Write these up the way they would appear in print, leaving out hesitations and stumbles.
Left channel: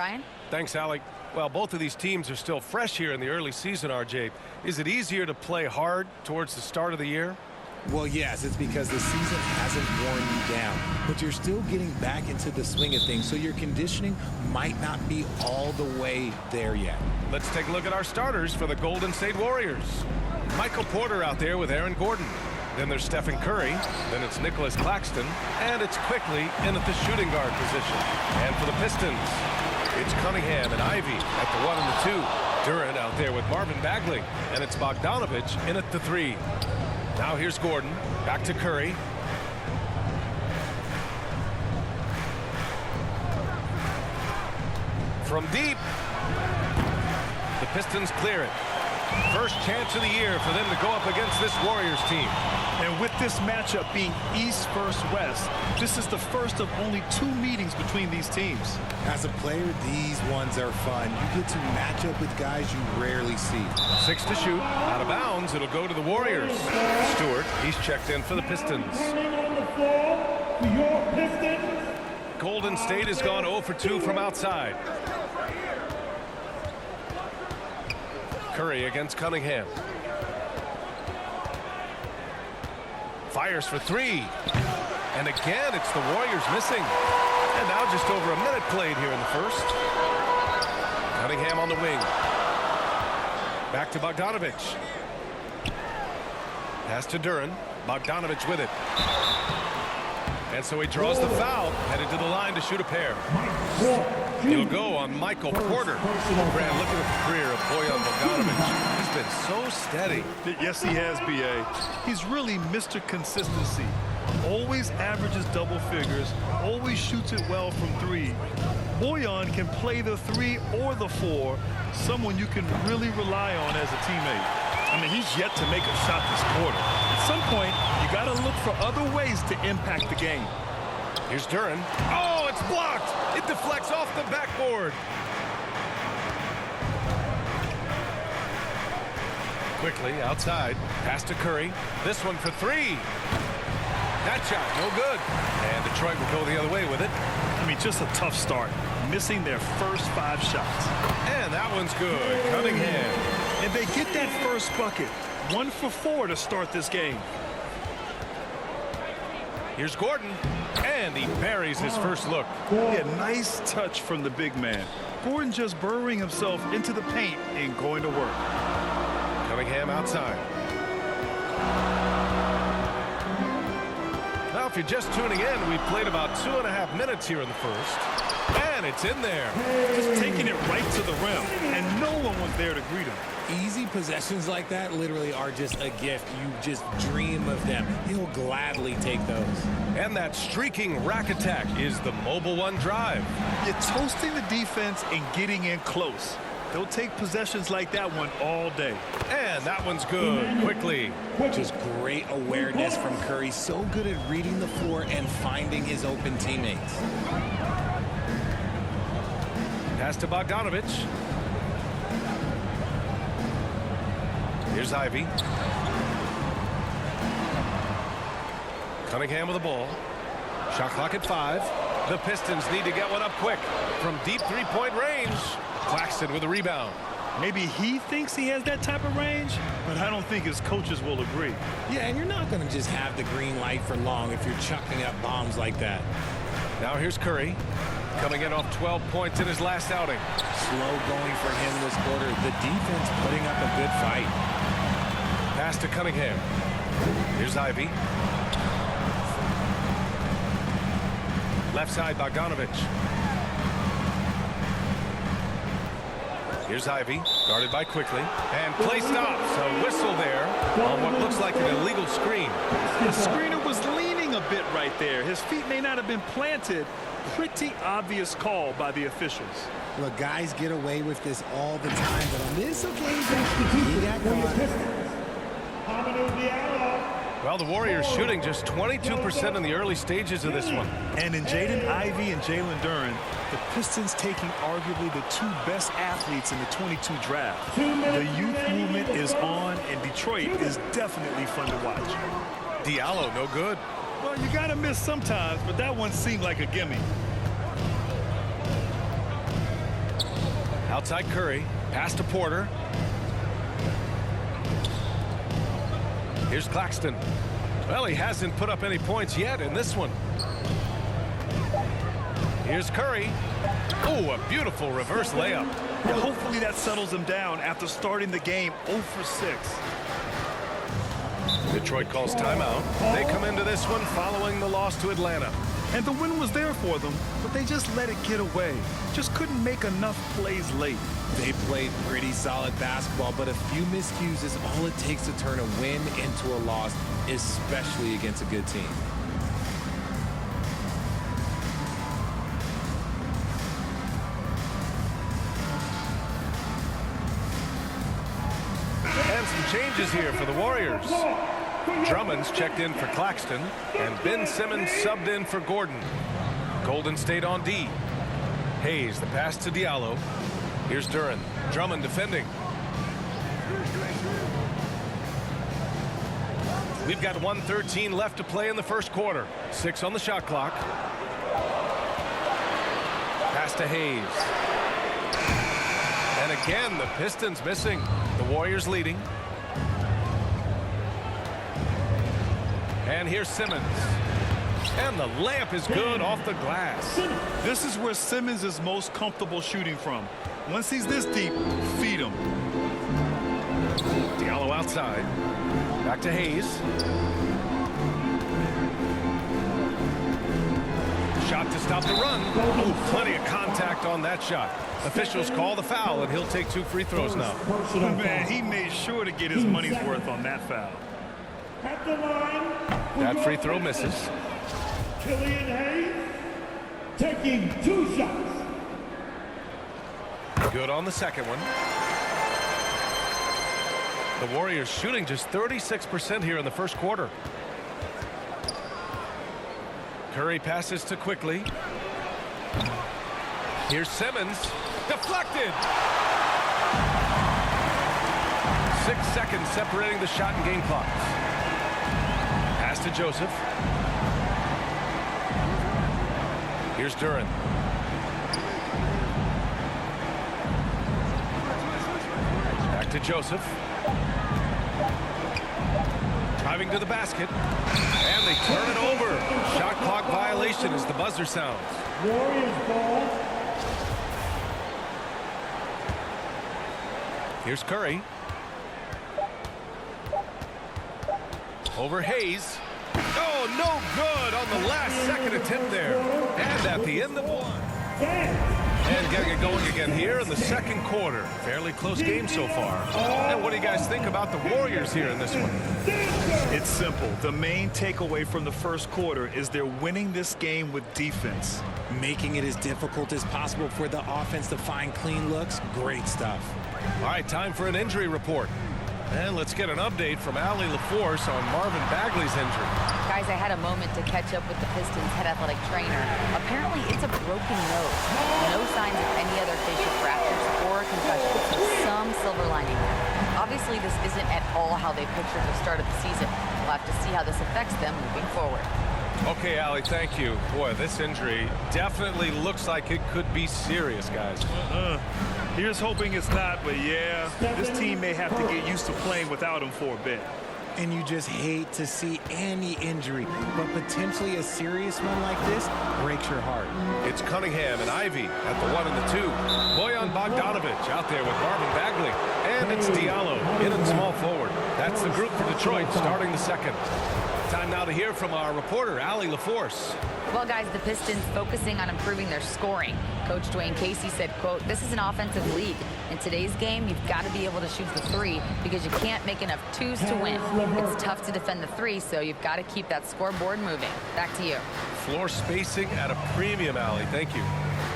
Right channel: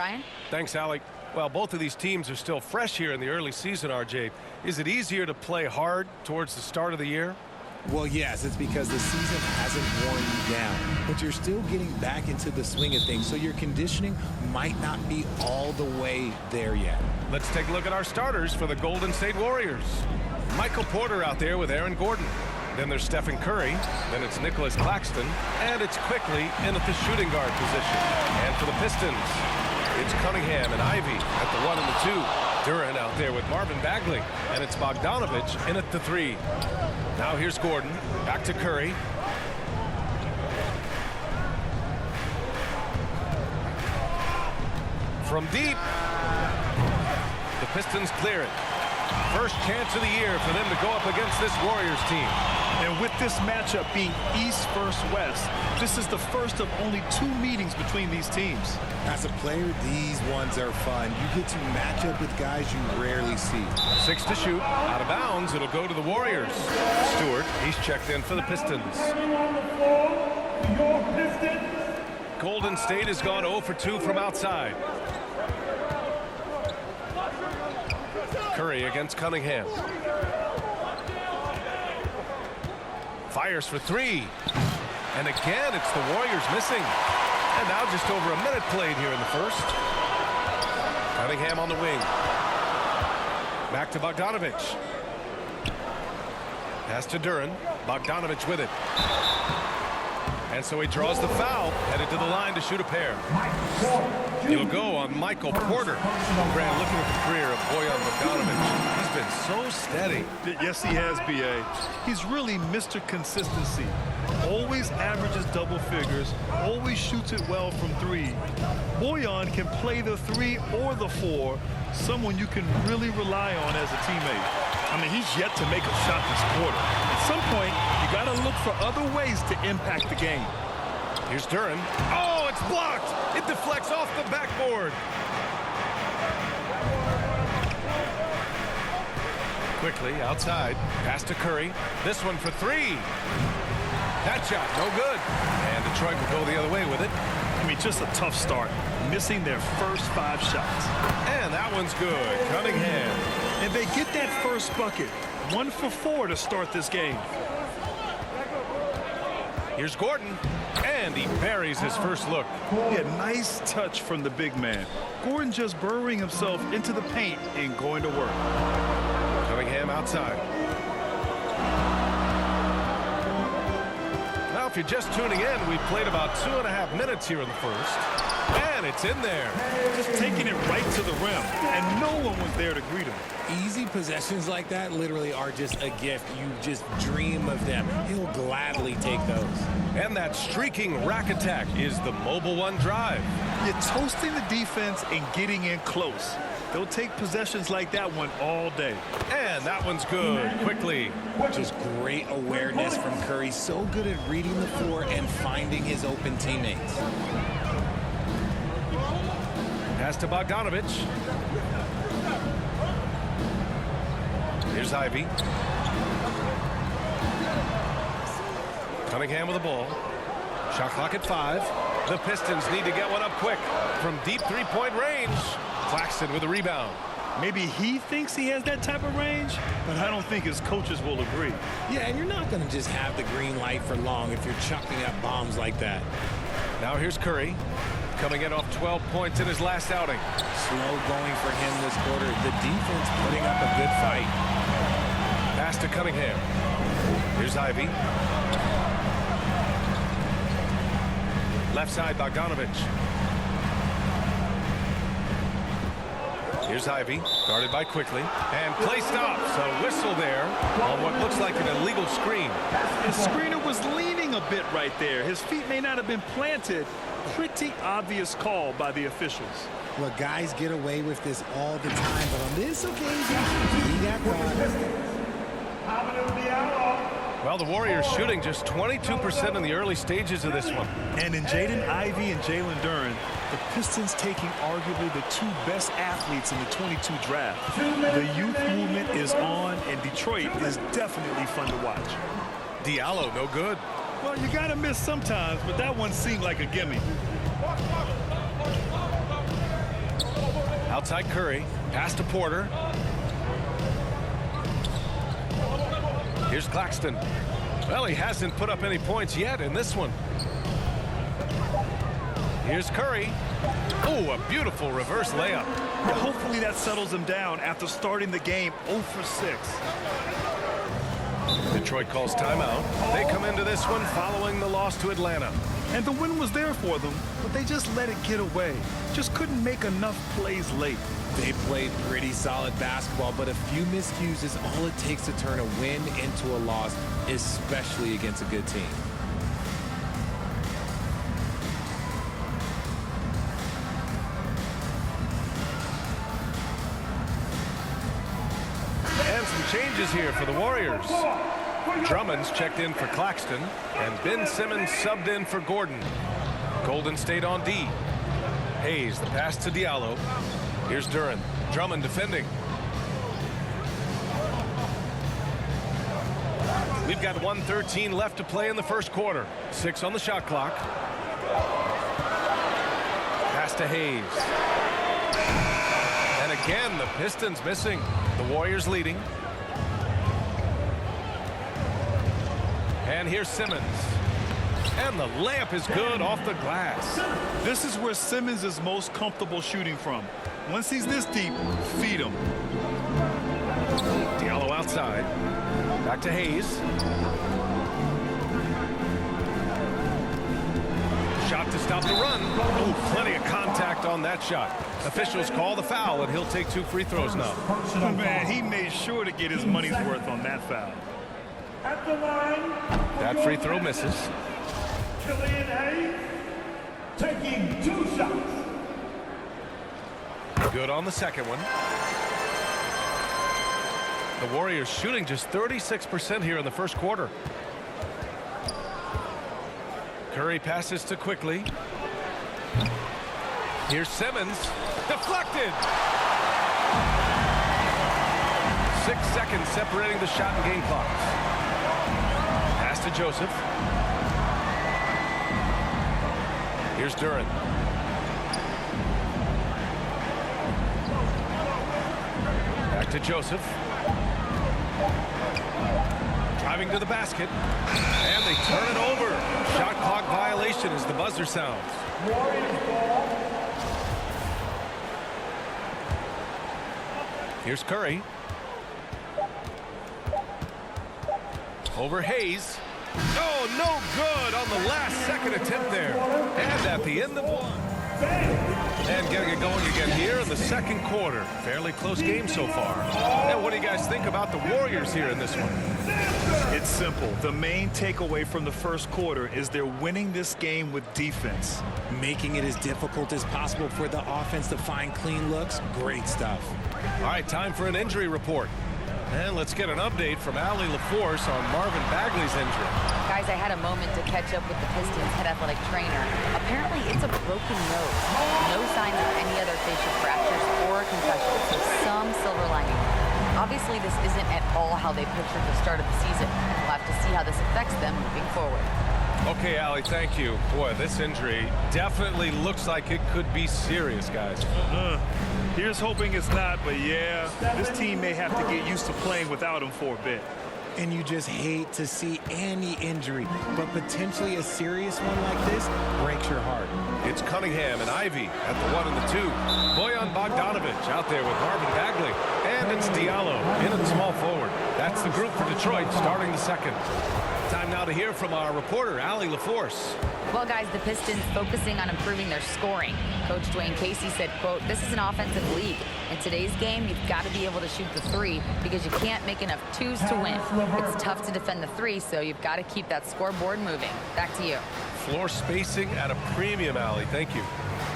Brian. Thanks, Alec. Well, both of these teams are still fresh here in the early season, RJ. Is it easier to play hard towards the start of the year? Well, yes, it's because the season hasn't worn you down, but you're still getting back into the swing of things, so your conditioning might not be all the way there yet. Let's take a look at our starters for the Golden State Warriors. Michael Porter out there with Aaron Gordon. Then there's Stephen Curry. Then it's Nicholas Claxton. And it's quickly in at the shooting guard position. And for the Pistons, it's Cunningham and Ivy at the 1 and the 2. Durant out there with Marvin Bagley. And it's Bogdanovich in at the 3. Now here's Gordon. Back to Curry. From deep. The Pistons clear it. First chance of the year for them to go up against this Warriors team. And with this matchup being East versus West, this is the first of only 2 meetings between these teams. As a player, these ones are fun. You get to match up with guys you rarely see. 6 to shoot. Out of bounds. It'll go to the Warriors. Stewart, he's checked in for the Pistons. On the floor for your Pistons. Golden State has gone 0 for 2 from outside. Curry against Cunningham. Fires for 3. And again, it's the Warriors missing. And now just over a minute played here in the first. Cunningham on the wing. Back to Bogdanovich. Pass to Durant. Bogdanovich with it. And so he draws the foul, headed to the line to shoot a pair. It'll go on Michael Porter. Grant, looking at the career of Bojan Bogdanovic, he's been so steady. Yes, he has, B.A. He's really Mr. Consistency. Always averages double figures, always shoots it well from 3. Bojan can play the 3 or the 4, someone you can really rely on as a teammate. I mean, he's yet to make a shot this quarter. At some point, you got to look for other ways to impact the game. Here's Durant. Oh, it's blocked. It deflects off the backboard. Quickly outside. Pass to Curry. This one for 3. That shot, no good. And Detroit will go the other way with it. I mean, just a tough start. Missing their first 5 shots. And that one's good. Cunningham. And they get that first bucket. 1 for 4 to start this game. Here's Gordon. And he buries his first look. Yeah, nice touch from the big man. Gordon just burrowing himself into the paint and going to work. Cunningham outside. Now, if you're just tuning in, we've played about 2.5 minutes here in the first. And it's in there. Just taking it right to the rim, and no one was there to greet him. Easy possessions like that literally are just a gift. You just dream of them. He'll gladly take those. And that streaking rack attack is the Mobile One drive. You're toasting the defense and getting in close. They'll take possessions like that one all day. And that one's good. Quickly. Just great awareness from Curry. So good at reading the floor and finding his open teammates. Pass to Bogdanovich. Here's Ivy. Cunningham with the ball. Shot clock at 5. The Pistons need to get one up quick from deep 3-point range. Claxton with a rebound. Maybe he thinks he has that type of range, but I don't think his coaches will agree. Yeah, and you're not going to just have the green light for long if you're chucking up bombs like that. Now here's Curry. Coming in off 12 points in his last outing. Slow going for him this quarter. The defense putting up a good fight. Pass to Cunningham. Here's Ivy. Left side, Bogdanovich. Here's Ivy, guarded by Quickly. And play stops. A whistle there on what looks like an illegal screen. The screener was leaning a bit right there. His feet may not have been planted. Pretty obvious call by the officials. Well, guys get away with this all the time, but on this occasion, he got caught. Well, the Warriors shooting just 22% in the early stages of this one. And in Jaden Ivey and Jalen Duren, the Pistons taking arguably the 2 best athletes in the 22 draft. The youth movement is on, and Detroit is definitely fun to watch. Diallo, no good. Well, you got to miss sometimes, but that one seemed like a gimme. Outside Curry. Pass to Porter. Here's Claxton. Well, he hasn't put up any points yet in this one. Here's Curry. Oh, a beautiful reverse layup. Yeah, hopefully that settles him down after starting the game 0 for 6. Detroit calls timeout. They come into this one following the loss to Atlanta. And the win was there for them, but they just let it get away. Just couldn't make enough plays late. They played pretty solid basketball, but a few miscues is all it takes to turn a win into a loss, especially against a good team. And some changes here for the Warriors. Drummond's checked in for Claxton, and Ben Simmons subbed in for Gordon. Golden State on D. Hayes, the pass to Diallo. Here's Duran. Drummond defending. We've got 1:13 left to play in the first quarter. 6 on the shot clock. Pass to Hayes. And again, the Pistons missing. The Warriors leading. And here's Simmons. And the layup is good off the glass. This is where Simmons is most comfortable shooting from. Once he's this deep, feed him. Diallo outside. Back to Hayes. Shot to stop the run. Oh, plenty of contact on that shot. Officials call the foul, and he'll take 2 free throws now. Man, he made sure to get his money's worth on that foul. At the line. That free throw misses. Killian Hayes taking 2 shots. Good on the second one. The Warriors shooting just 36% here in the first quarter. Curry passes to Quickly. Here's Simmons. Deflected. 6 seconds separating the shot and game clocks. Pass to Joseph. Here's Duran. Back to Joseph. Driving to the basket. And they turn it over. Shot clock violation as the buzzer sounds. Warriors ball. Here's Curry. Over Hayes. Oh, no good on the last second attempt there. And at the end of one. And getting it going again here in the second quarter. Fairly close game so far. And what do you guys think about the Warriors here in this one? It's simple. The main takeaway from the first quarter is they're winning this game with defense. Making it as difficult as possible for the offense to find clean looks. Great stuff. All right, time for an injury report. And let's get an update from Allie LaForce on Marvin Bagley's injury. Guys, I had a moment to catch up with the Pistons head athletic trainer. Apparently, it's a broken nose. No signs of any other facial fractures or concussion, so some silver lining there. Obviously, this isn't at all how they pictured the start of the season. We'll have to see how this affects them moving forward. Okay, Allie, thank you. Boy, this injury definitely looks like it could be serious, guys. Here's hoping it's not, but yeah, this team may have to get used to playing without him for a bit. And you just hate to see any injury, but potentially a serious one like this breaks your heart. It's Cunningham and Ivy at the 1 and the 2. Bojan Bogdanovic out there with Marvin Bagley. And it's Diallo in at small forward. That's the group for Detroit starting the second. Time now to hear from our reporter, Allie LaForce. Well, guys, the Pistons focusing on improving their scoring. Coach Dwayne Casey said, quote, "This is an offensive league. In today's game, you've got to be able to shoot the 3 because you can't make enough 2s to win. It's tough to defend the 3, so you've got to keep that scoreboard moving." Back to you. Floor spacing at a premium, Allie. Thank you.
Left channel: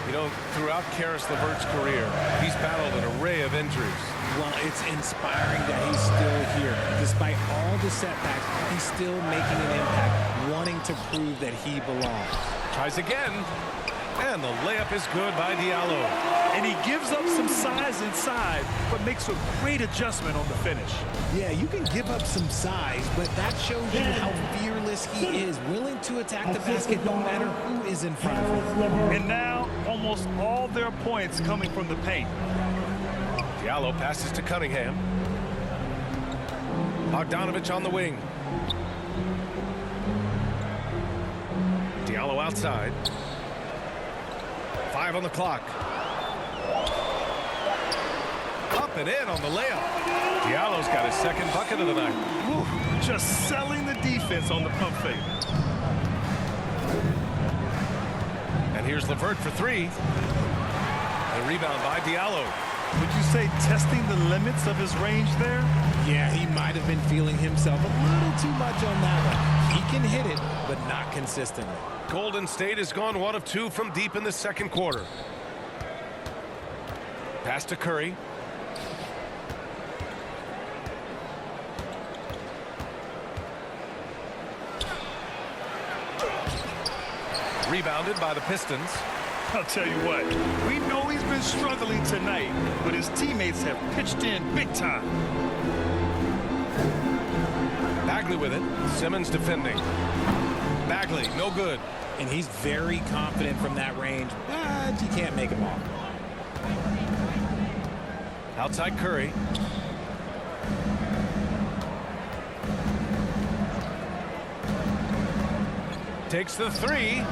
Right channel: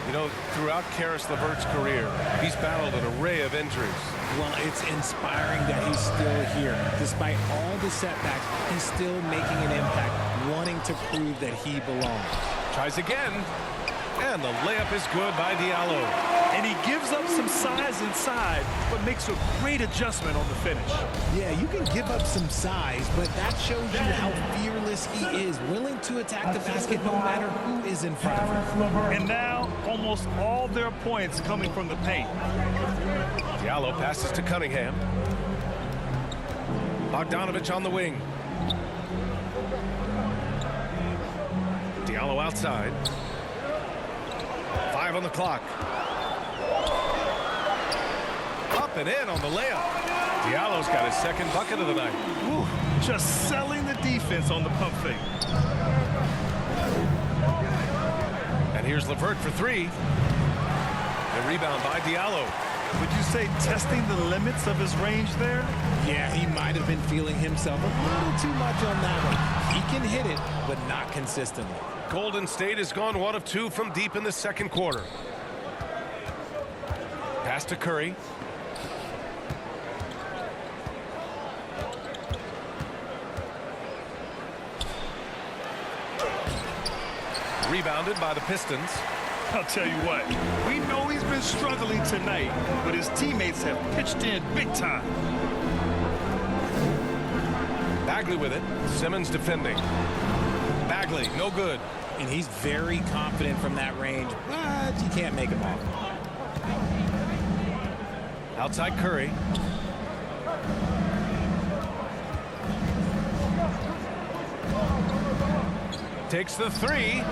You know, throughout Karis LeVert's career, he's battled an array of injuries. Well, it's inspiring that he's still here. Despite all the setbacks, he's still making an impact, wanting to prove that he belongs. Tries again. And the layup is good by Diallo. And he gives up some size inside, but makes a great adjustment on the finish. Yeah, you can give up some size, but that shows you how fearless he is, willing to attack the basket no matter who is in front of him. And now, almost all their points coming from the paint. Diallo passes to Cunningham. Bogdanovich on the wing. Diallo outside. 5 on the clock. Up and in on the layup. Diallo's got his second bucket of the night. Whew, just selling the defense on the pump fake. And here's LeVert for 3. The rebound by Diallo. Would you say testing the limits of his range there? Yeah, he might have been feeling himself a little too much on that one. He can hit it, but not consistently. Golden State has gone 1 of 2 from deep in the second quarter. Pass to Curry. Rebounded by the Pistons. I'll tell you what, we know he's been struggling tonight, but his teammates have pitched in big time. Bagley with it. Simmons defending. Bagley, no good. And he's very confident from that range, but you can't make him off. Outside Curry. Takes the 3.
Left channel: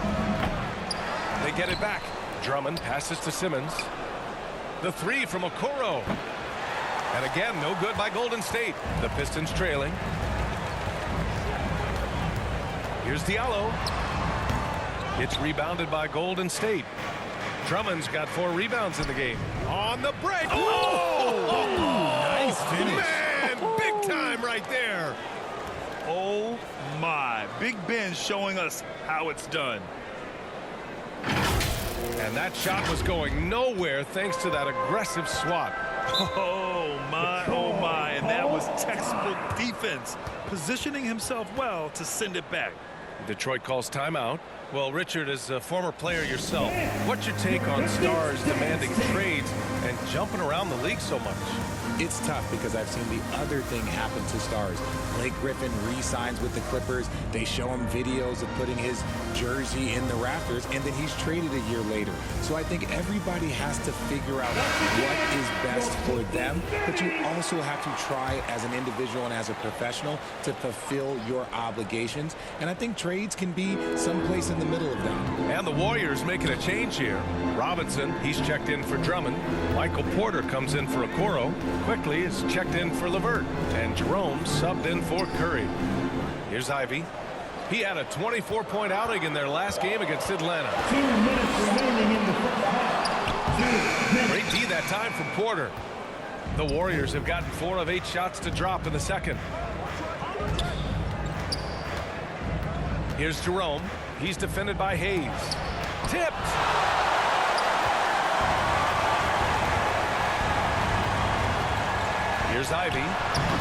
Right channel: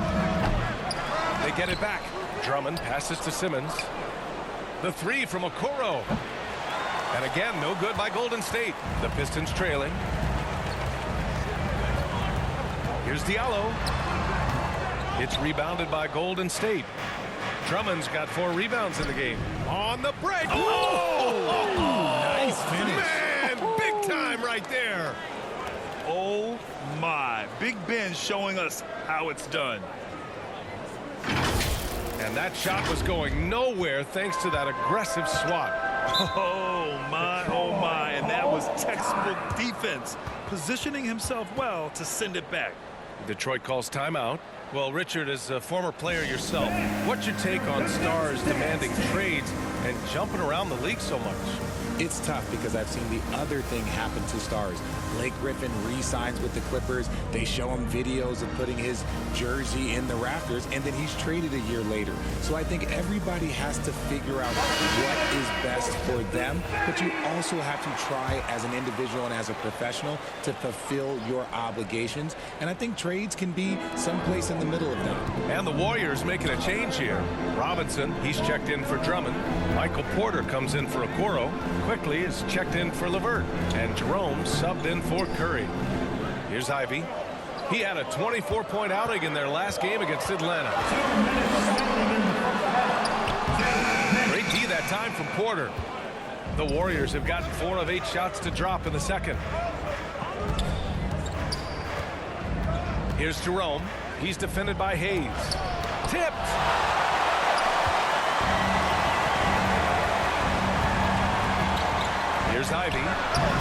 They get it back. Drummond passes to Simmons. The 3 from Okoro. And again, no good by Golden State. The Pistons trailing. Here's Diallo. It's rebounded by Golden State. Drummond's got 4 rebounds in the game. On the break. Oh! Nice finish. Man, big time right there. Oh my, Big Ben showing us how it's done. And that shot was going nowhere thanks to that aggressive swat. Oh my, and that was textbook defense, positioning himself well to send it back. Detroit calls timeout. Well, Richard, as a former player yourself, what's your take on stars demanding trades and jumping around the league so much? It's tough because I've seen the other thing happen to stars. Blake Griffin re-signs with the Clippers. They show him videos of putting his jersey in the rafters, and then he's traded a year later. So I think everybody has to figure out what is best for them, but you also have to try as an individual and as a professional to fulfill your obligations. And I think trades can be someplace in the middle of that. And the Warriors making a change here. Robinson, he's checked in for Drummond. Michael Porter comes in for Okoro. Quickly is checked in for LeVert. And Jerome subbed in for Curry. Here's Ivy. He had a 24-point outing in their last game against Atlanta. 2 minutes remaining in the first half. Great D that time from Porter. The Warriors have gotten 4 of 8 shots to drop in the second. Here's Jerome. He's defended by Hayes. Tipped. Here's Ivy.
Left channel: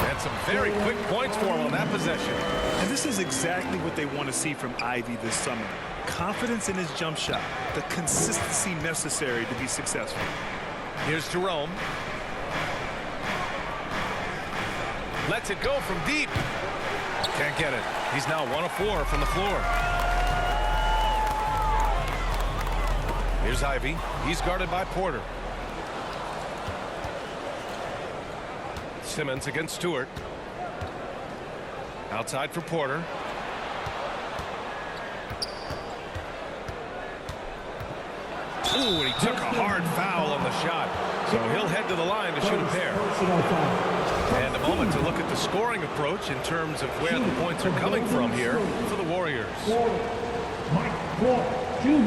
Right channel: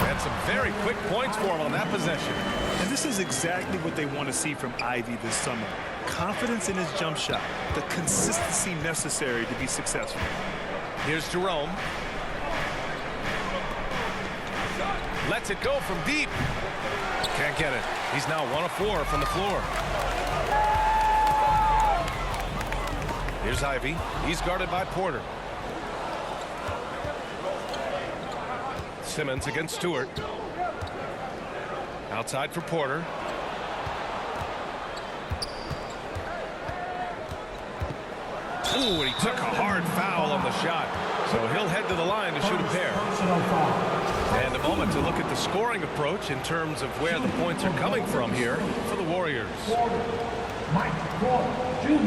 And some very quick points for him on that possession. And this is exactly what they want to see from Ivy this summer. Confidence in his jump shot, the consistency necessary to be successful. Here's Jerome. Lets it go from deep. Can't get it. He's now 1 of 4 from the floor. Here's Ivy. He's guarded by Porter. Simmons against Stewart. Outside for Porter. Ooh, and he took a hard foul on the shot. So he'll head to the line to shoot a pair. Personal foul. And a moment to look at the scoring approach in terms of where the points are coming from here for the Warriors. Mike Porter, Jr.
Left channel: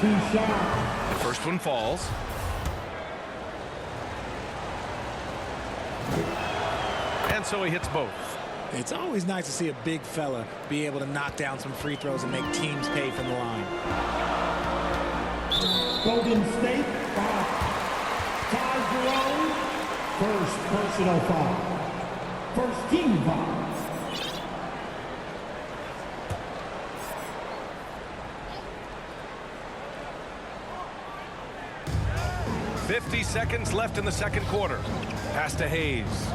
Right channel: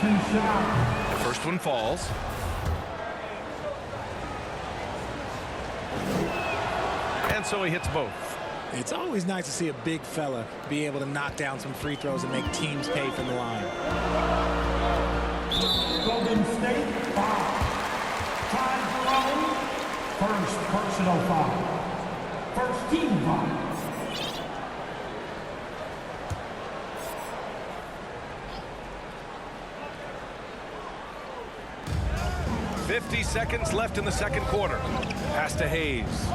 2 shots. The first one falls. And so he hits both. It's always nice to see a big fella be able to knock down some free throws and make teams pay from the line. Golden State, foul. Ty Jerome, first personal foul. First team foul. 50 seconds left in the second quarter. Pass to Hayes.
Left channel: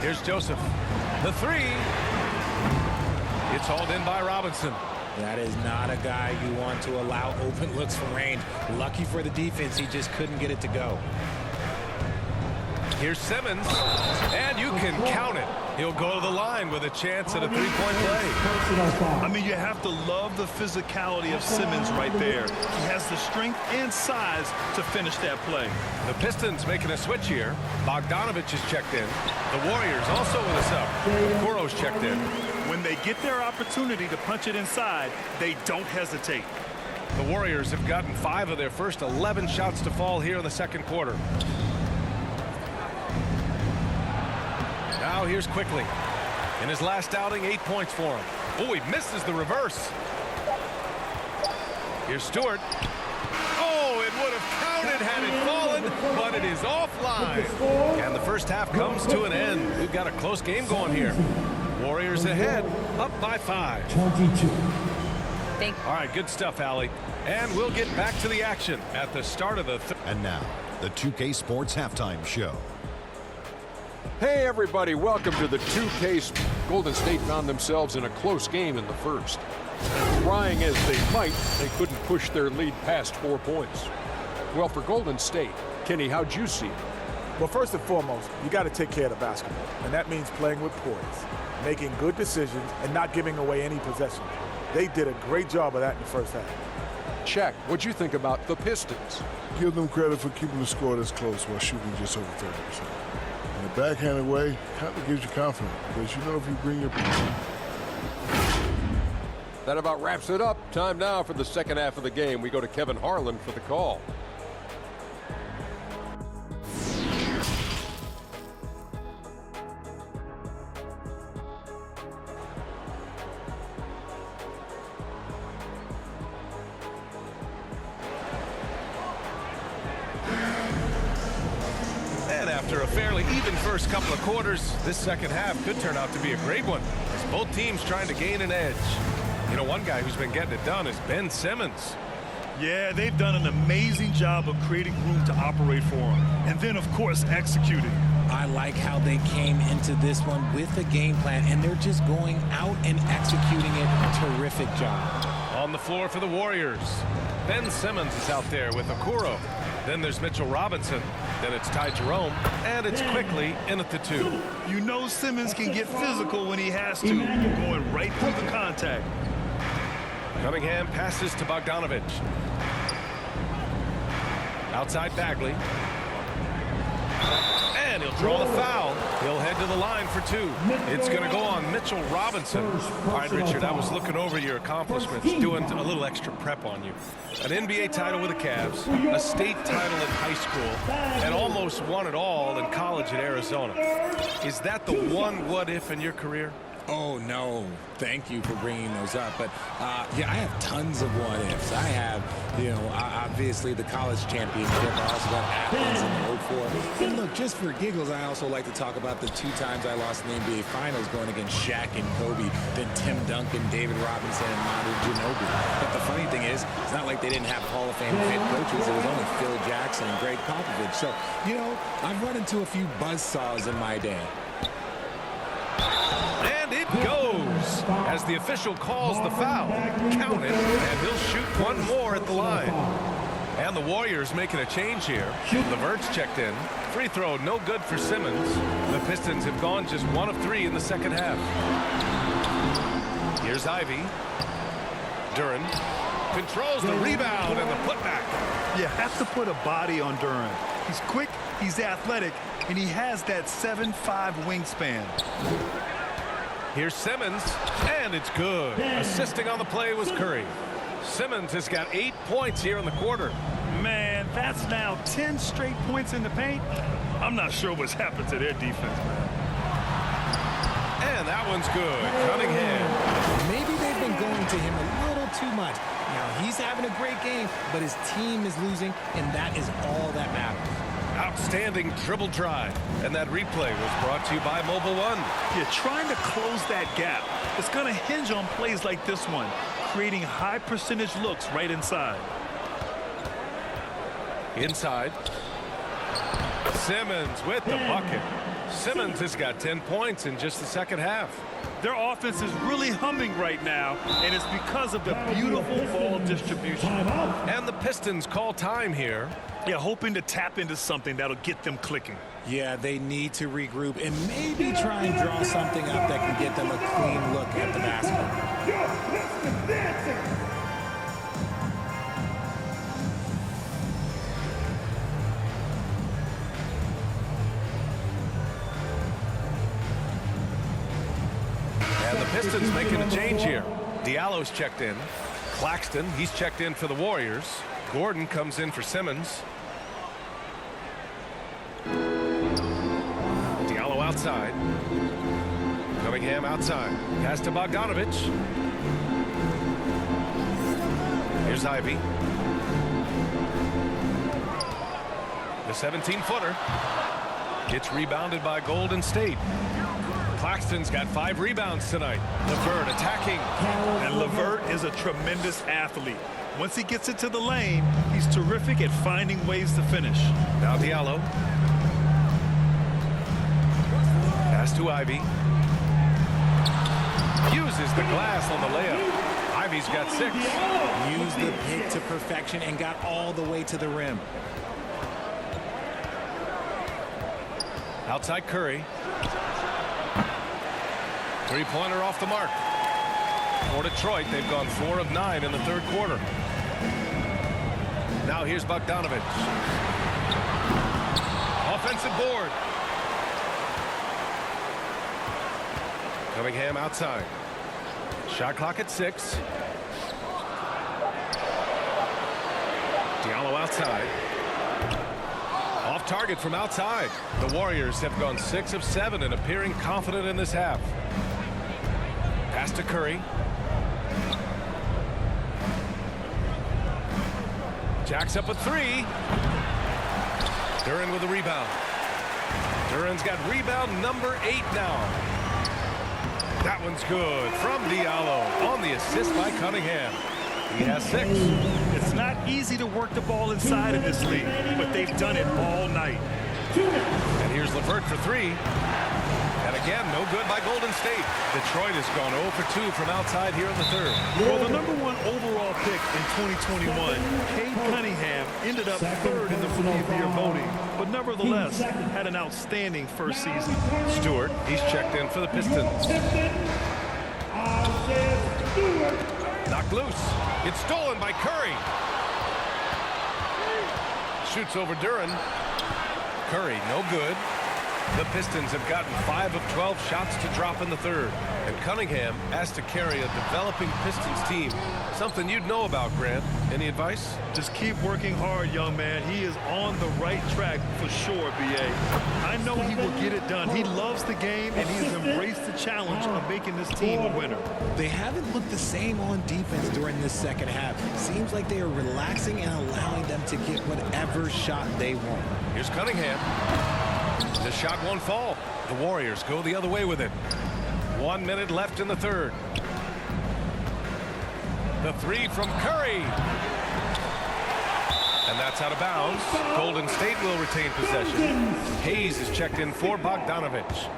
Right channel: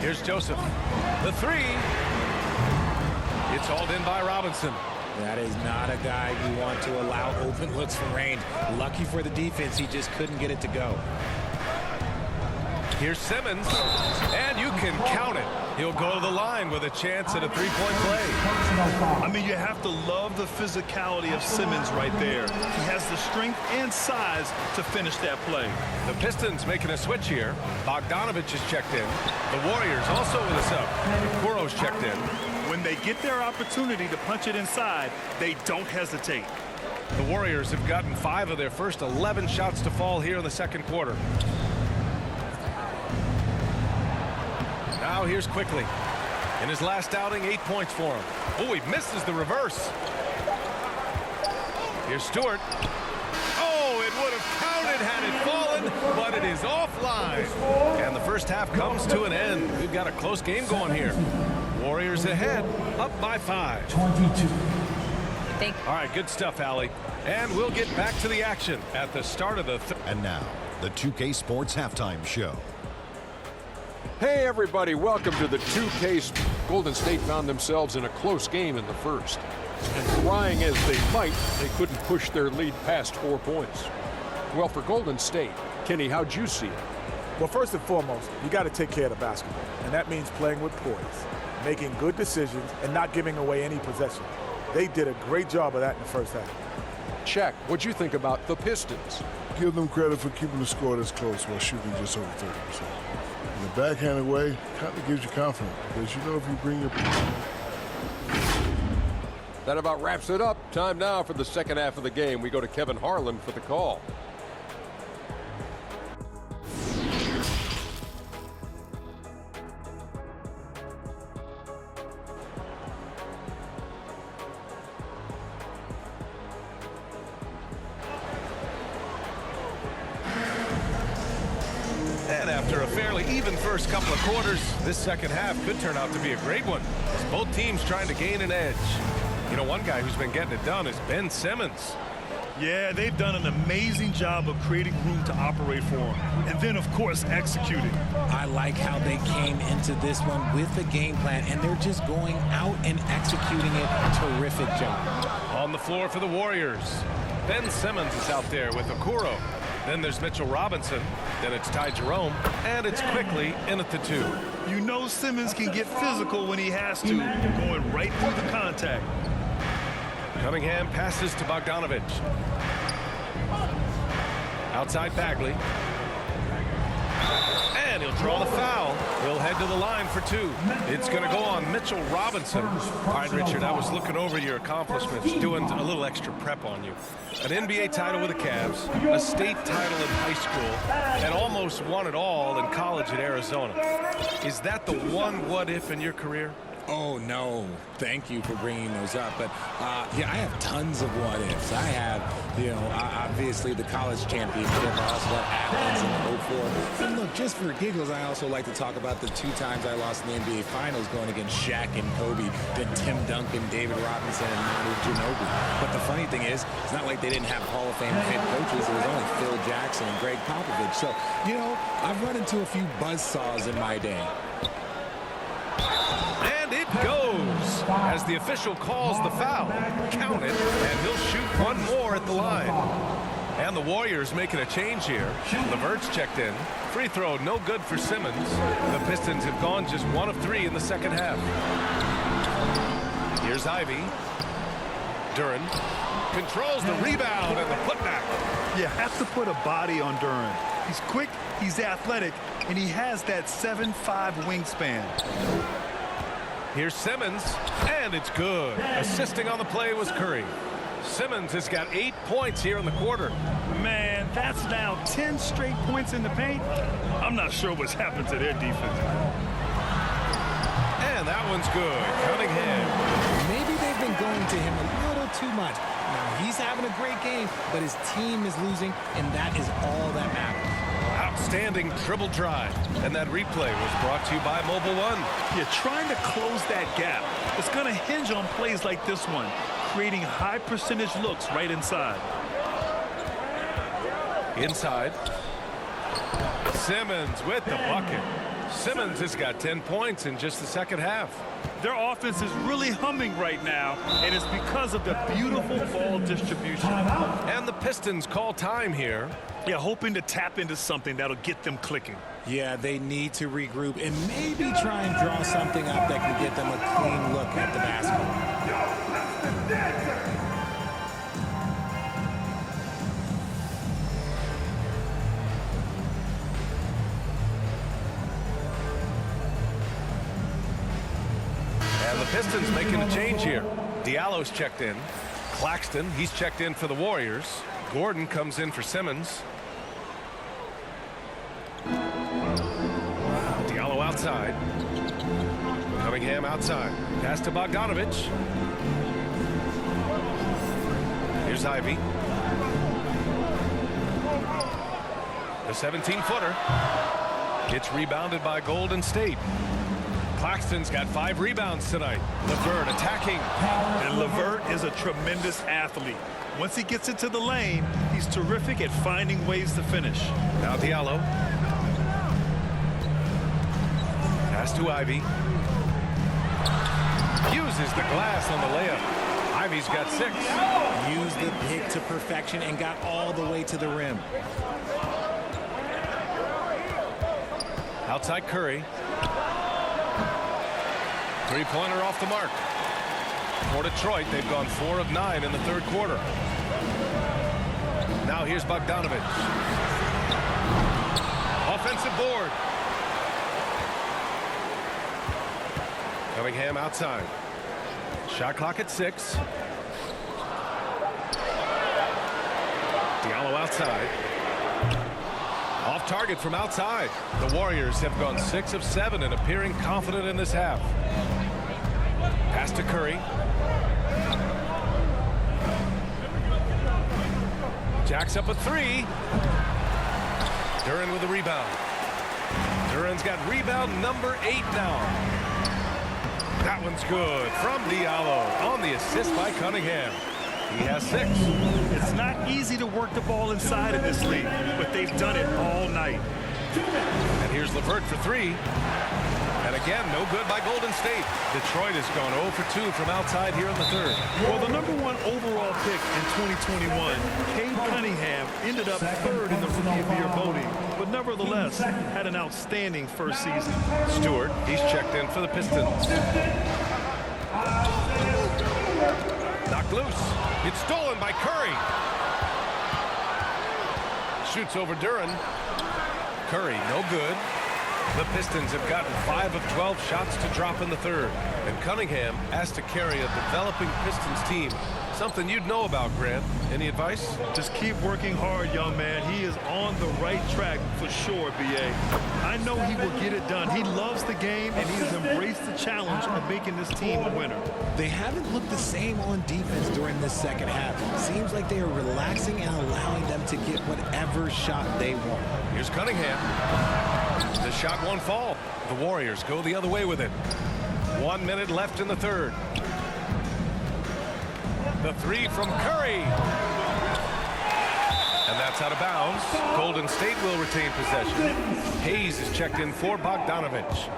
Here's Joseph. The three. It's hauled in by Robinson. That is not a guy you want to allow open looks from range. Lucky for the defense, he just couldn't get it to go. Here's Simmons, and you can count it. He'll go to the line with a chance at a three-point play. I mean, you have to love the physicality of Simmons right there. He has the strength and size to finish that play. The Pistons making a switch here. Bogdanovich is checked in. The Warriors also with a sub. Kuro's checked in. When they get their opportunity to punch it inside, they don't hesitate. The Warriors have gotten 5 of their first 11 shots to fall here in the second quarter. Now here's Quickly. In his last outing, 8 points for him. Oh, he misses the reverse. Here's Stewart. Oh, it would have counted had it fallen, but it is offline. And the first half comes to an end. We've got a close game going here. Warriors ahead, up by 5. 22. All right, good stuff, Allie. And we'll get back to the action at the start of the And now, the 2K Sports Halftime Show. Hey everybody, welcome to the 2K. Golden State found themselves in a close game in the first. And trying as they might, they couldn't push their lead past 4 points. Well, for Golden State, Kenny, how'd you see it? Well, first and foremost, you got to take care of the basketball. And that means playing with poise, making good decisions, and not giving away any possessions. They did a great job of that in the first half. Check. What'd you think about the Pistons? Give them credit for keeping the score this close while shooting just over 30%. In the backhanded way, kind of gives you confidence because you know if you bring your... That about wraps it up. Time now for the second half of the game. We go to Kevin Harlan for the call. And after a fairly even first couple of quarters, this second half could turn out to be a great one as both teams trying to gain an edge. You know, one guy who's been getting it done is Ben Simmons. Yeah, they've done an amazing job of creating room to operate for him. And then, of course, executing. I like how they came into this one with a game plan, and they're just going out and executing it. Terrific job. On the floor for the Warriors, Ben Simmons is out there with Okoro. Then there's Mitchell Robinson. Then it's Ty Jerome. And it's Quickly in at the 2. You know Simmons can get physical when he has to, going right through the contact. Cunningham passes to Bogdanovich. Outside Bagley. And he'll draw the foul. He'll head to the line for 2. It's going to go on Mitchell Robinson. All right, Richard, I was looking over your accomplishments, doing a little extra prep on you. An NBA title with the Cavs, a state title in high school, and almost won it all in college at Arizona. Is that the one what-if in your career? Oh, no. Thank you for bringing those up. But, yeah, I have tons of what-ifs. I have, you know, obviously the college championship. I also got Athens in the 04. And, look, just for giggles, I also like to talk about the 2 times I lost in the NBA Finals going against Shaq and Kobe, then Tim Duncan, David Robinson, and Manu Ginobili. But the funny thing is, it's not like they didn't have Hall of Fame head coaches. It was only Phil Jackson and Greg Popovich. So, you know, I've run into a few buzzsaws in my day. And it goes as the official calls the foul. Count it, and he'll shoot one more at the line. And the Warriors making a change here. LeVert's checked in. Free throw no good for Simmons. The Pistons have gone just 1 of 3 in the second half. Here's Ivy. Duren controls the rebound and the putback. You have to put a body on Duren. He's quick, he's athletic, and he has that 7'5" wingspan. Here's Simmons, and it's good. Assisting on the play was Curry. Simmons has got 8 points here in the quarter. Man, that's now 10 straight points in the paint. I'm not sure what's happened to their defense, man. And that one's good. Cunningham. Maybe they've been going to him a little too much. Now, he's having a great game, but his team is losing, and that is all that matters. Outstanding dribble drive. And that replay was brought to you by Mobile One. You're trying to close that gap. It's going to hinge on plays like this one. creating high percentage looks right inside. Inside. Simmons with the bucket. Simmons has got 10 points in just the second half. Their offense is really humming right now, and it's because of the beautiful ball distribution. And the Pistons call time here. Yeah, hoping to tap into something that'll get them clicking. Yeah, they need to regroup and maybe try and draw something up that can get them a clean look at the basket. And the Pistons making a change here. Diallo's checked in. Claxton, he's checked in for the Warriors. Gordon comes in for Simmons. Diallo outside. Cunningham outside. Pass to Bogdanovich. Here's Ivy. The 17-footer. It's rebounded by Golden State. Claxton's got 5 rebounds tonight. LeVert attacking. And LeVert is a tremendous athlete. Once he gets into the lane, he's terrific at finding ways to finish. Now Diallo. Pass to Ivy. Uses the glass on the layup. Ivy's got 6. Used the pick to perfection and got all the way to the rim. Outside Curry. Three-pointer off the mark. For Detroit, they've gone 4 of 9 in the third quarter. Now here's Bogdanovich. Offensive board. Cunningham outside. Shot clock at 6. Diallo outside. Off target from outside. The Warriors have gone 6 of 7 and appearing confident in this half. Pass to Curry. Jacks up a 3. Duran with a rebound. Duran's got rebound number 8 now. That one's good from Diallo on the assist by Cunningham. He has 6. It's not easy to work the ball inside in this league, but they've done it all night. And here's LeVert for 3. And again, no good by Golden State. Detroit has gone 0 for 2 from outside here in the third. Well, the #1 overall pick in 2021, Cade Cunningham, ended up 3rd in the Rookie of the Year voting, but nevertheless had an outstanding first season. Stewart, he's checked in for the Pistons. Knocked loose. It's stolen by Curry. Shoots over Duran. Curry, no good. The Pistons have gotten 5 of 12 shots to drop in the third. And Cunningham has to carry a developing Pistons team. Something you'd know about, Grant. Any advice? Just keep working hard, young man. He is on the right track for sure, B.A. I know he will get it done. He loves the game, and he has embraced the challenge of making this team a winner. They haven't looked the same on defense during this second half. Seems like they are relaxing and allowing them to get whatever shot they want. Here's Cunningham. The shot won't fall. The Warriors go the other way with it. 1 minute left in the third. The 3 from Curry. And that's out of bounds. Golden State will retain possession. Hayes is checked in for Bogdanovich.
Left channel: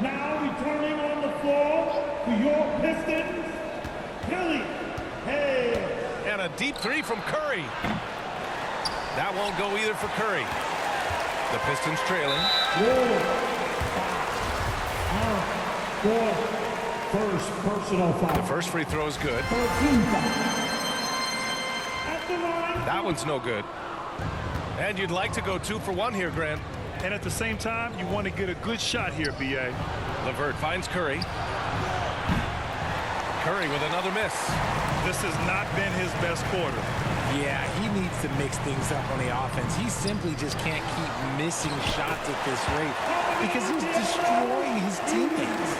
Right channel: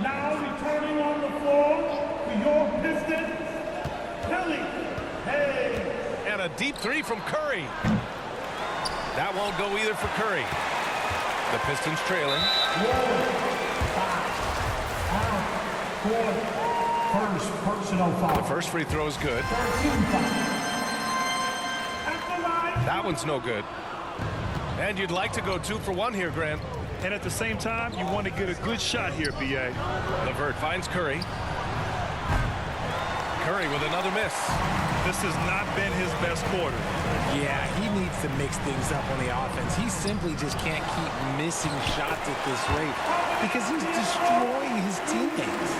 Now returning on the floor for your Pistons, Kelly Hayes. And a deep 3 from Curry. That won't go either for Curry. The Pistons trailing. First personal foul. The first free throw is good. That one's no good. And you'd like to go 2 for 1 here, Grant. And at the same time, you want to get a good shot here, B.A. LeVert finds Curry. Curry with another miss. This has not been his best quarter. Yeah, he needs to mix things up on the offense. He simply just can't keep missing shots at this rate because he's destroying his teammates.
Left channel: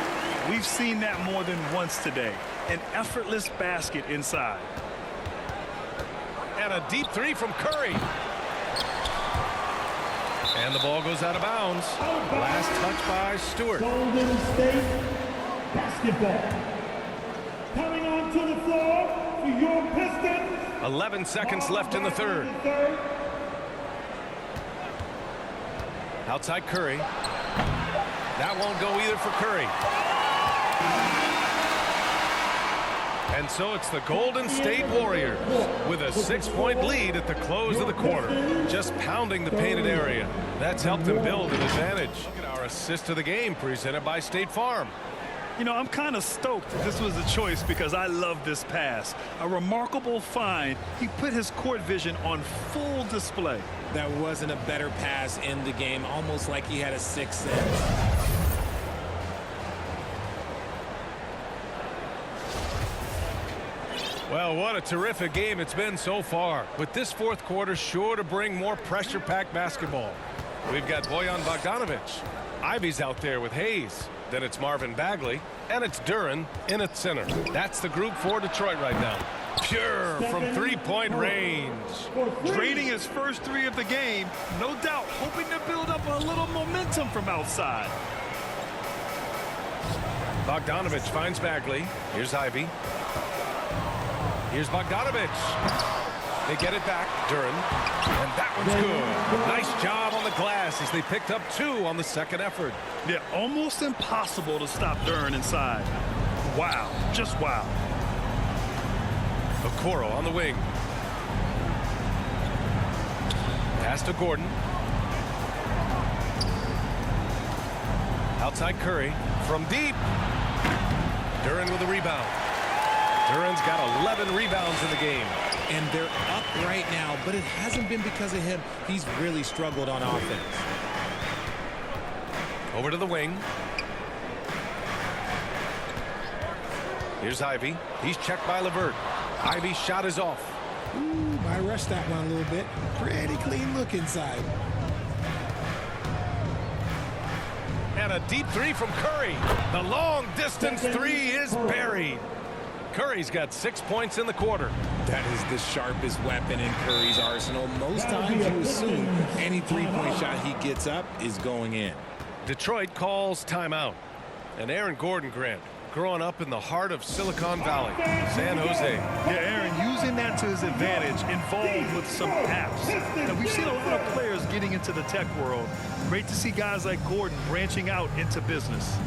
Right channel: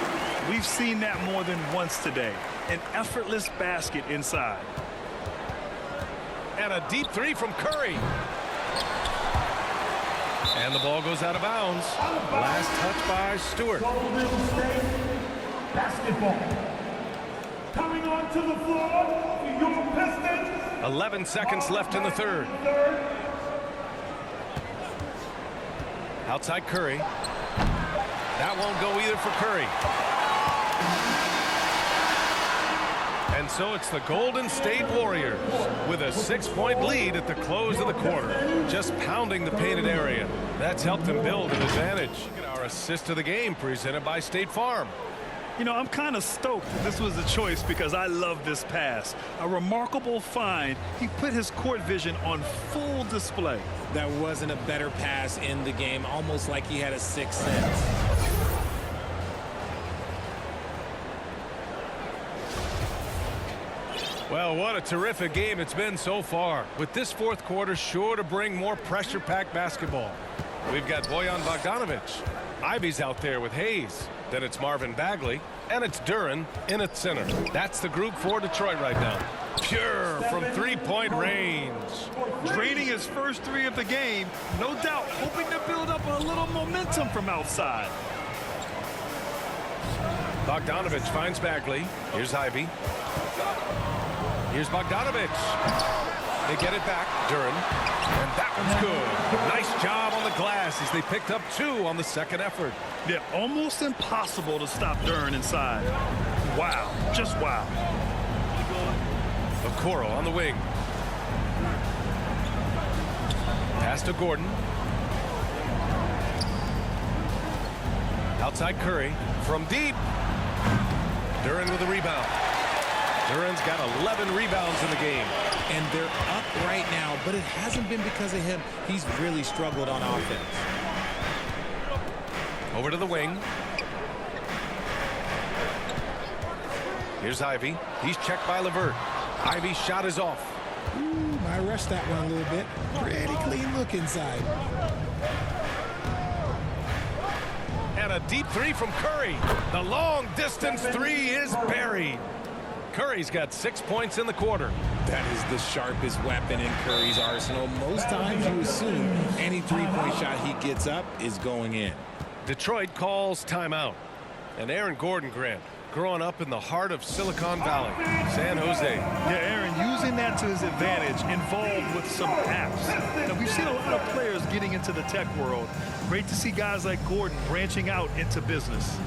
We've seen that more than once today. An effortless basket inside. And a deep 3 from Curry. And the ball goes out of bounds. Last touch by Stewart. Golden State basketball. Coming returning onto the floor for your Pistons. 11 seconds left in the third. Outside Curry. That won't go either for Curry. And so it's the Golden State Warriors with a 6-point lead at the close of the quarter. Just pounding the painted area. That's helped them build an advantage. Look at our assist of the game presented by State Farm. You know, I'm kind of stoked that this was a choice because I love this pass. A remarkable find. He put his court vision on full display. That wasn't a better pass in the game, almost like he had a sixth sense. Well, what a terrific game it's been so far. With this fourth quarter sure to bring more pressure-packed basketball. We've got Bojan Bogdanovic. Ivy's out there with Hayes. Then it's Marvin Bagley. And it's Duren in at center. That's the group for Detroit right now. Pure from three-point range. Draining his first three of the game. No doubt hoping to build up a little momentum from outside. Bogdanovic finds Bagley. Here's Ivy. Here's Bogdanovic. They get it back. Duren. And that one's good. A nice job on the glass as they picked up 2 on the second effort. Yeah, almost impossible to stop Duren inside. Wow. Just wow. Okoro on the wing. Pass to Gordon. Outside Curry. From deep. Duren with a rebound. Duren's got 11 rebounds in the game. And they're up right now, but it hasn't been because of him. He's really struggled on offense. Over to the wing. Here's Ivy. He's checked by LeVert. Ivy's shot is off. Ooh, I rushed that one a little bit. Pretty clean look inside. And a deep three from Curry. The long distance three is buried. Curry's got 6 points in the quarter. That is the sharpest weapon in Curry's arsenal. Most times you assume any three-point shot he gets up is going in. Detroit calls timeout. And Aaron Gordon, Grant, growing up in the heart of Silicon Valley, San Jose. Yeah, Aaron, using that to his advantage, involved with some apps. Now, we've seen a lot of players getting into the tech world. Great to see guys like Gordon branching out into business.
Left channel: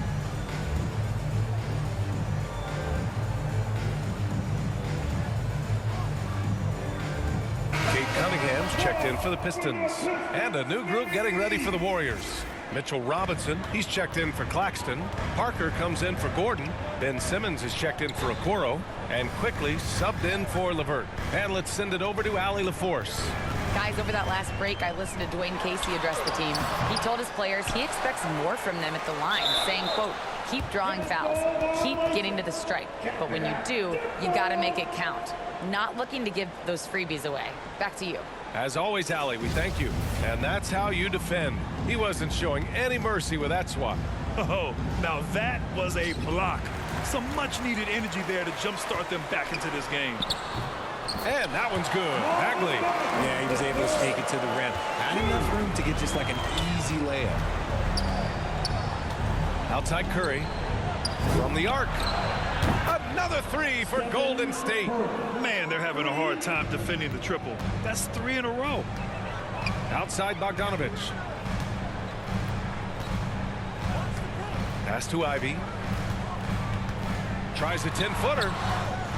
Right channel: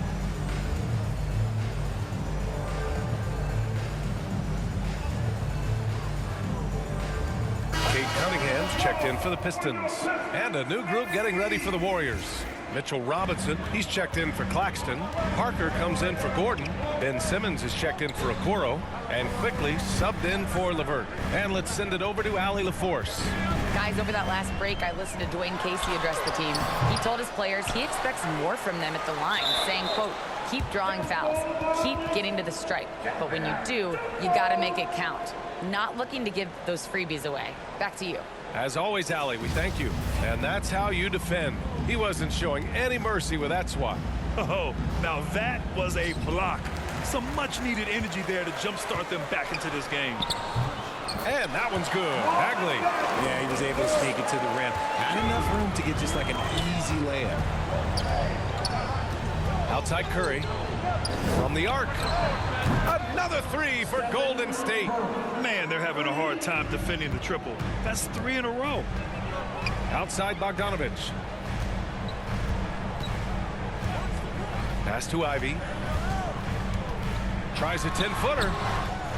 Kate Cunningham's checked in for the Pistons. And a new group getting ready for the Warriors. Mitchell Robinson, he's checked in for Claxton. Parker comes in for Gordon. Ben Simmons is checked in for Okoro. And quickly subbed in for LeVert. And let's send it over to Allie LaForce. Guys, over that last break, I listened to Dwayne Casey address the team. He told his players he expects more from them at the line, saying, quote, keep drawing fouls, keep getting to the stripe. But when you do, you got to make it count. Not looking to give those freebies away. Back to you. As always, Allie, we thank you. And that's how you defend. He wasn't showing any mercy with that swat. Oh, now that was a block. Some much-needed energy there to jumpstart them back into this game. And that one's good. Bagley. Yeah, he was able to take it to the rim. Had enough room to get just like an easy layup. Outside Curry. From the arc. Another three for Golden State. Man, they're having a hard time defending the triple. That's 3 in a row. Outside Bogdanovic. Pass to Ivy. Tries a 10-footer.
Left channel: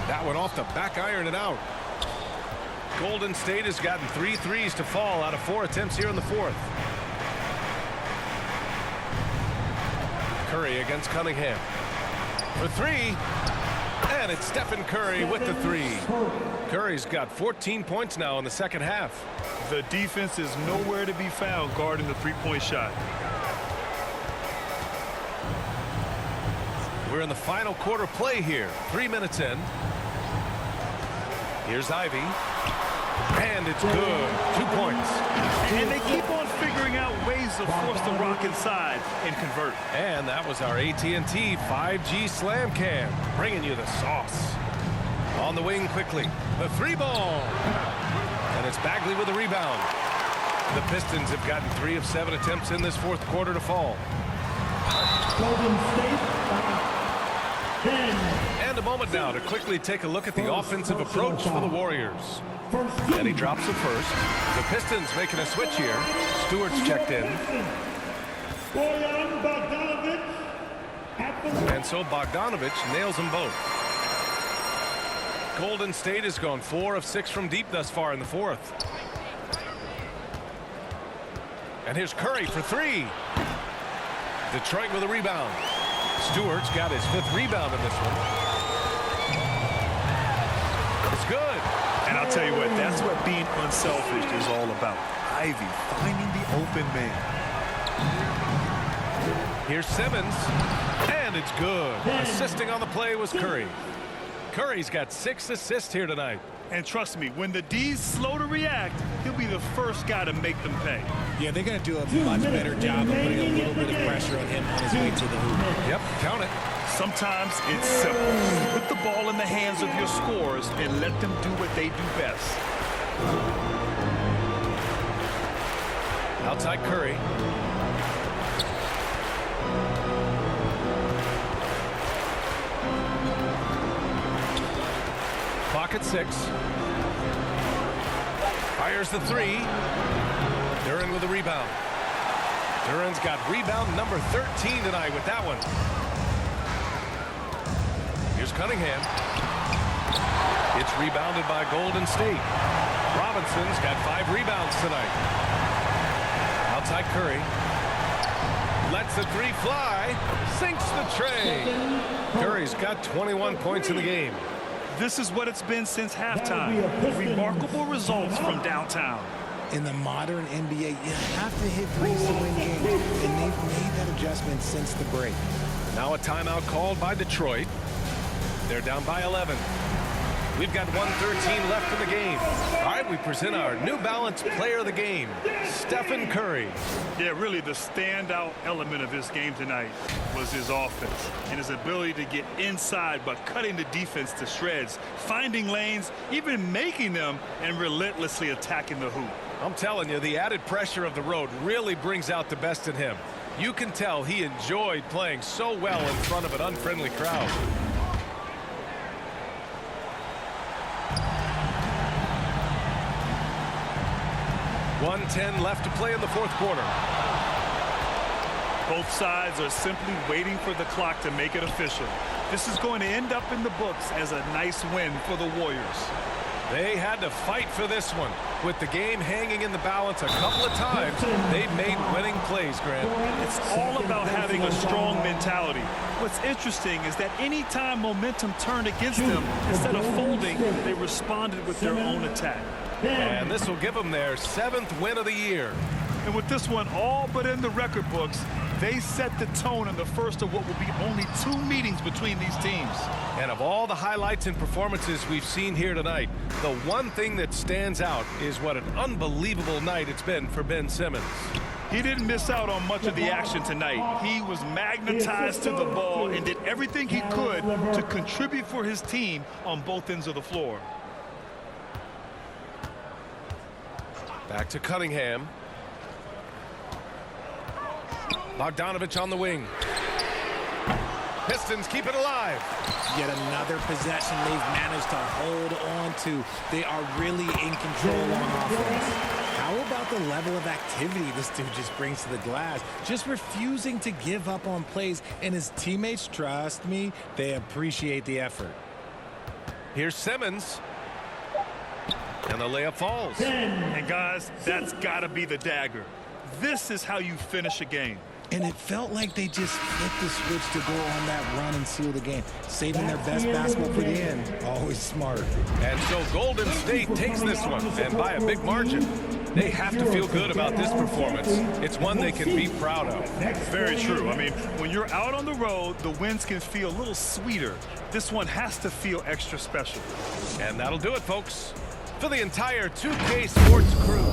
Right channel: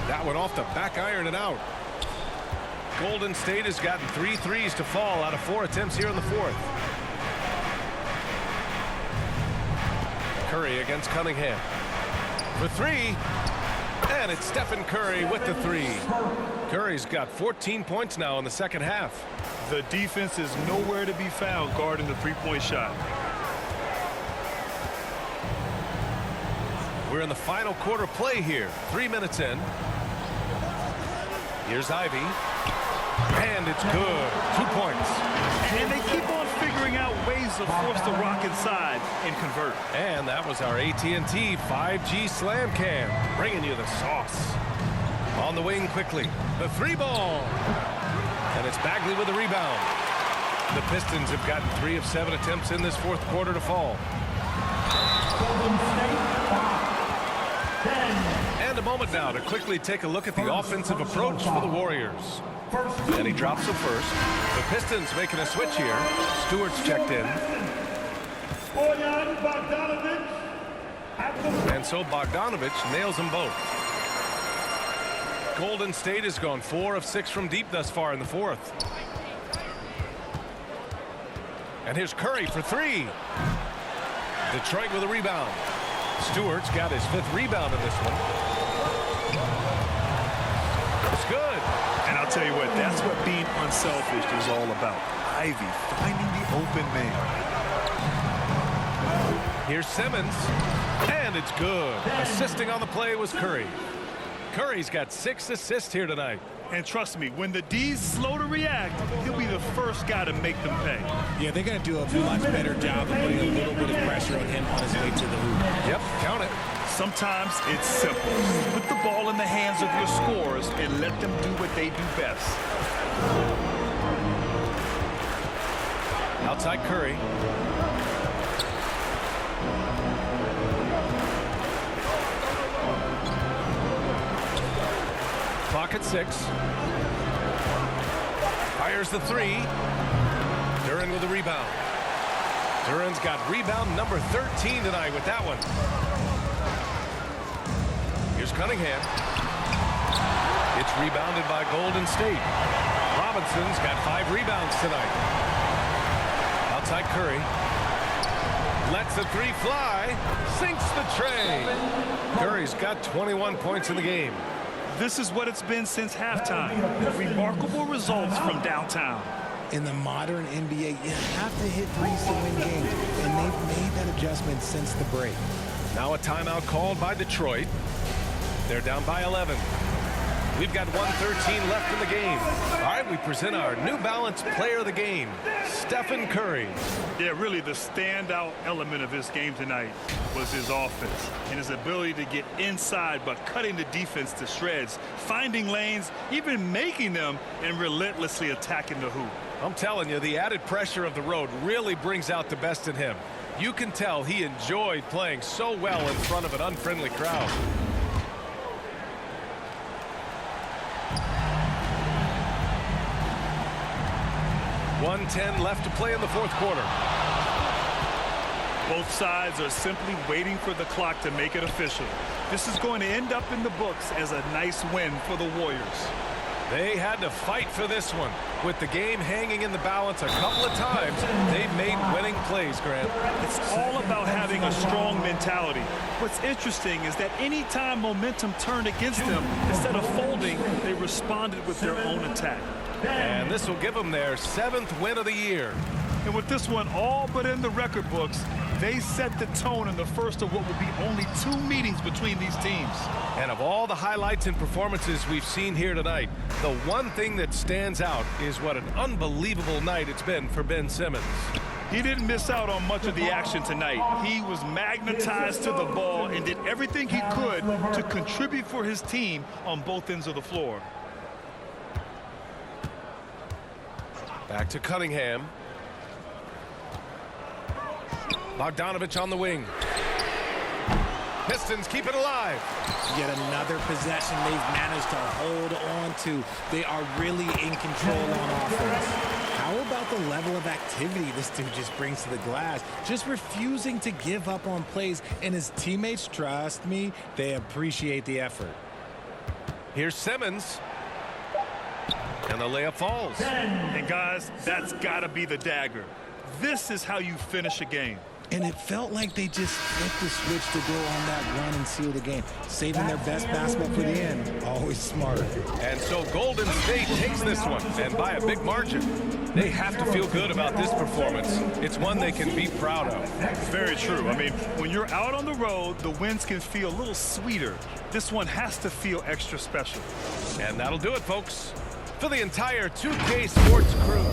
That one off the back iron and out. Golden State has gotten 3 threes to fall out of 4 attempts here in the fourth. Curry against Cunningham. For 3. And it's Stephen Curry with the 3. Curry's got 14 points now in the second half. The defense is nowhere to be found guarding the three-point shot. We're in the final quarter play here. 3 minutes in. Here's Ivy. And it's good. 2 points. And they keep on figuring out ways to force the rock inside and convert. And that was our AT&T 5G Slam Cam, bringing you the sauce. On the wing quickly. The 3-ball. And it's Bagley with the rebound. The Pistons have gotten 3 of 7 attempts in this fourth quarter to fall. Golden State 5, 10. And a moment now to quickly take a look at the offensive approach for the Warriors. And he drops the first. The Pistons making a switch here. Stewart's checked in. Bojan Bogdanovic at the And so Bogdanovic nails them both. Golden State has gone 4 of 6 from deep thus far in the fourth. And here's Curry for 3. Detroit with a rebound. Stewart's got his 5th rebound in this one. It's good. And I'll tell you what, that's what being unselfish is all about. Ivy finding the open man. Here's Simmons. And it's good. Assisting on the play was Curry. Curry's got 6 assists here tonight. And trust me, when the D's slow to react, he'll be the first guy to make them pay. Yeah, they're going to do a much better job of putting a little bit of pressure on him on his way to the hoop. Yep, count it. Sometimes it's simple. Put the ball in the hands of your scorers and let them do what they do best. Outside Curry. Clock at 6. Fires the 3. Duran with a rebound. Duran's got rebound number 13 tonight with that one. Here's Cunningham. It's rebounded by Golden State. Robinson's got 5 rebounds tonight. Outside Curry. Lets the 3 fly. Sinks the tray. Curry's got 21 points in the game. This is what it's been since halftime. Remarkable results from downtown. In the modern NBA, you have to hit threes to win games, and they've made that adjustment since the break. Now a timeout called by Detroit. They're down by 11. We've got 1:13 left in the game. All right, we present our New Balance player of the game, Stephen Curry. Yeah, really the standout element of his game tonight was his offense and his ability to get inside but cutting the defense to shreds, finding lanes, even making them, and relentlessly attacking the hoop. I'm telling you, the added pressure of the road really brings out the best in him. You can tell he enjoyed playing so well in front of an unfriendly crowd. .110 left to play in the fourth quarter. Both sides are simply waiting for the clock to make it official. This is going to end up in the books as a nice win for the Warriors. They had to fight for this one. With the game hanging in the balance a couple of times, they've made winning plays, Grant. It's all about having a strong mentality. What's interesting is that any time momentum turned against them, instead of folding, they responded with their own attack. And this will give them their 7th win of the year. And with this one all but in the record books, they set the tone in the first of what will be only 2 meetings between these teams. And of all the highlights and performances we've seen here tonight, the one thing that stands out is what an unbelievable night it's been for Ben Simmons. He didn't miss out on much of the action tonight. He was magnetized to the ball and did everything he could to contribute for his team on both ends of the floor. Back to Cunningham. Bogdanovic on the wing. Pistons keep it alive. Yet another possession they've managed to hold on to. They are really in control on offense. How about the level of activity this dude just brings to the glass? Just refusing to give up on plays, and his teammates, trust me, they appreciate the effort. Here's Simmons. And the layup falls. And guys, that's got to be the dagger. This is how you finish a game. And it felt like they just flipped the switch to go on that run and seal the game, saving their best basketball for the end. Always smart. And so Golden State takes this one, and by a big margin. They have to feel good about this performance. It's one they can be proud of. Very true. I mean, when you're out on the road, the wins can feel a little sweeter. This one has to feel extra special. And that'll do it, folks. For the entire 2K Sports crew,